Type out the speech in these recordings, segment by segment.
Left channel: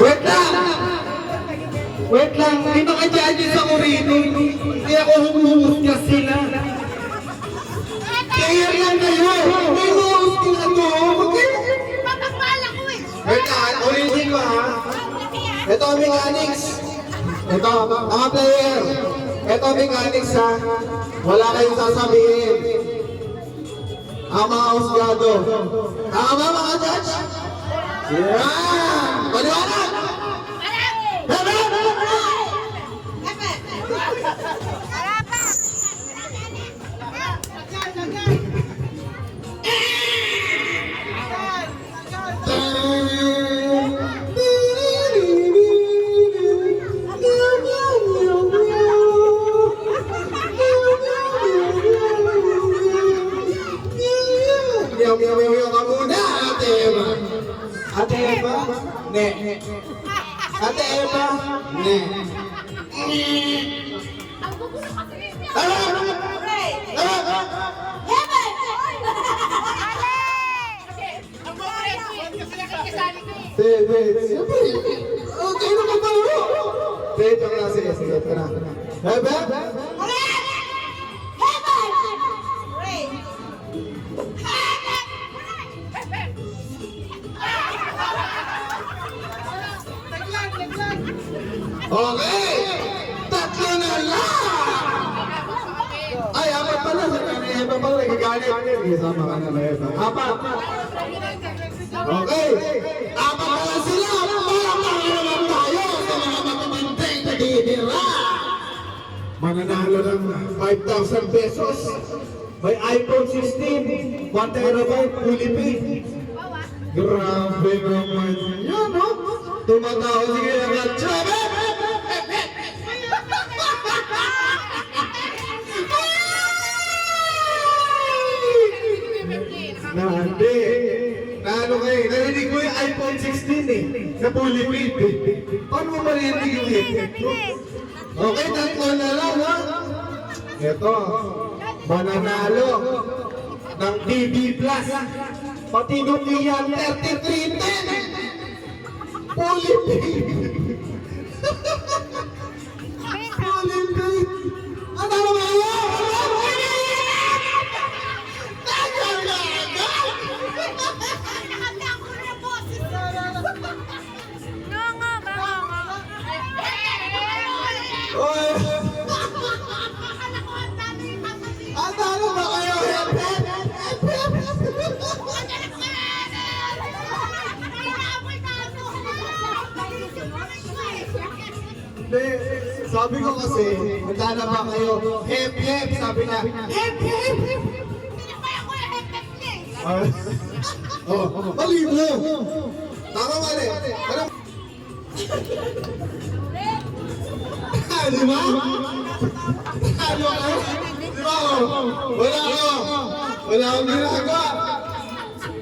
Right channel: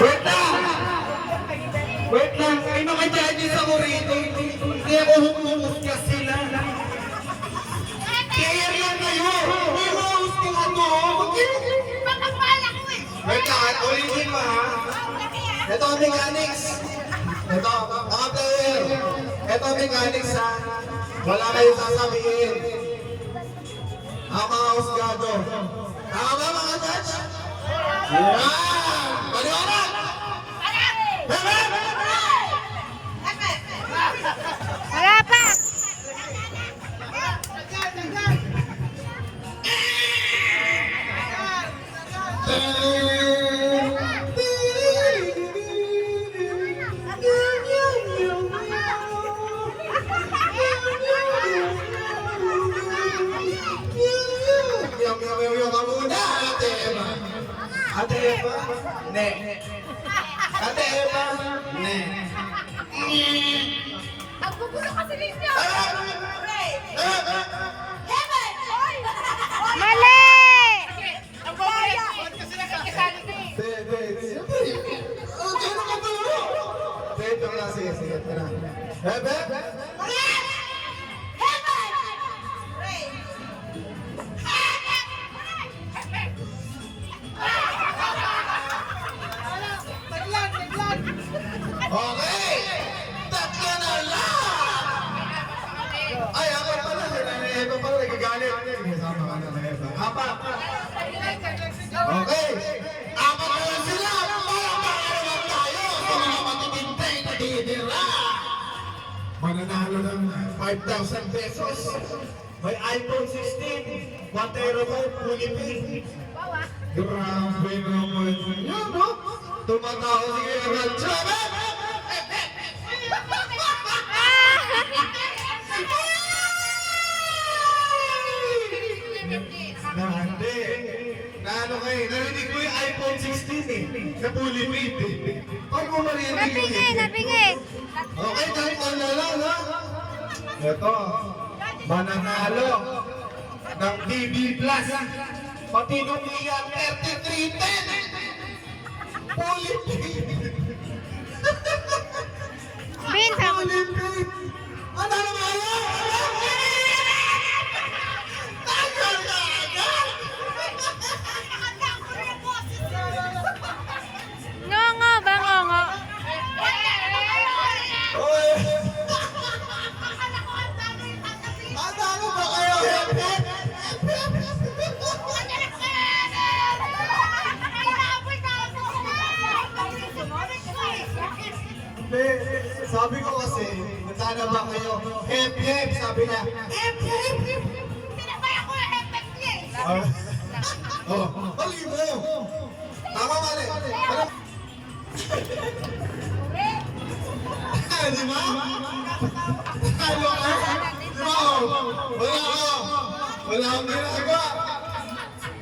Wait lang! Wait lang! May mga judges ako rito. Hindi ako humuhusgas sila. Kaya lang kayo! May humuhusgas ako! Wait lang! Ulitin mo ha! Ito ang mechanics! Ito, mga player! Ito ang mechanics ha! Wala kayong sasabihin! Ang mga husgado! Tama mga judge! Yeah! Paliwanag! Ate Eva, ne. Ang gugulo kasi ninyo! Mali! Kasi nakikisali ko eh. Siyempre. Kayo ka ba? Sige. Bebe? Okay! Tatlo na lang! Ay, apat pala. Eva pala. Nagagalit. Sama ka na Eva. Apat. Okay. Apat pala sila. Palakpakan naman tayo sa mga matabantay na didira. Mananalo ng 5,000 pesos. May iPhone 16. 1 terabyte. Fully paid. Grabe naman. Yan, no? Tumatawa sige agad. Sabi! Hindi. Naano kayo? Narinig mo yung iPhone 16 eh. Na fully paid eh. Paano mo marinig yung Nabigay! Okay, tatlo na lang ha. Ito. Mananalo ng TV Plus. Pati nung iyan 3310. Fully paid. Bintang! Fully paid. Ano naman yun? Ngongo ba ngongo? Oh! Ang talo ba kayo? Hindi. Sabi ko kasi, magkana ba kayo? Hep, hep, sabi niya. Hep, hep, hep. Oh, mali mo. Tama mali. Ano? Di ba? Ano ka? Wala akong ginagawa.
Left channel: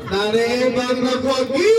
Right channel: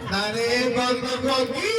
Nanay, bag nagwagi.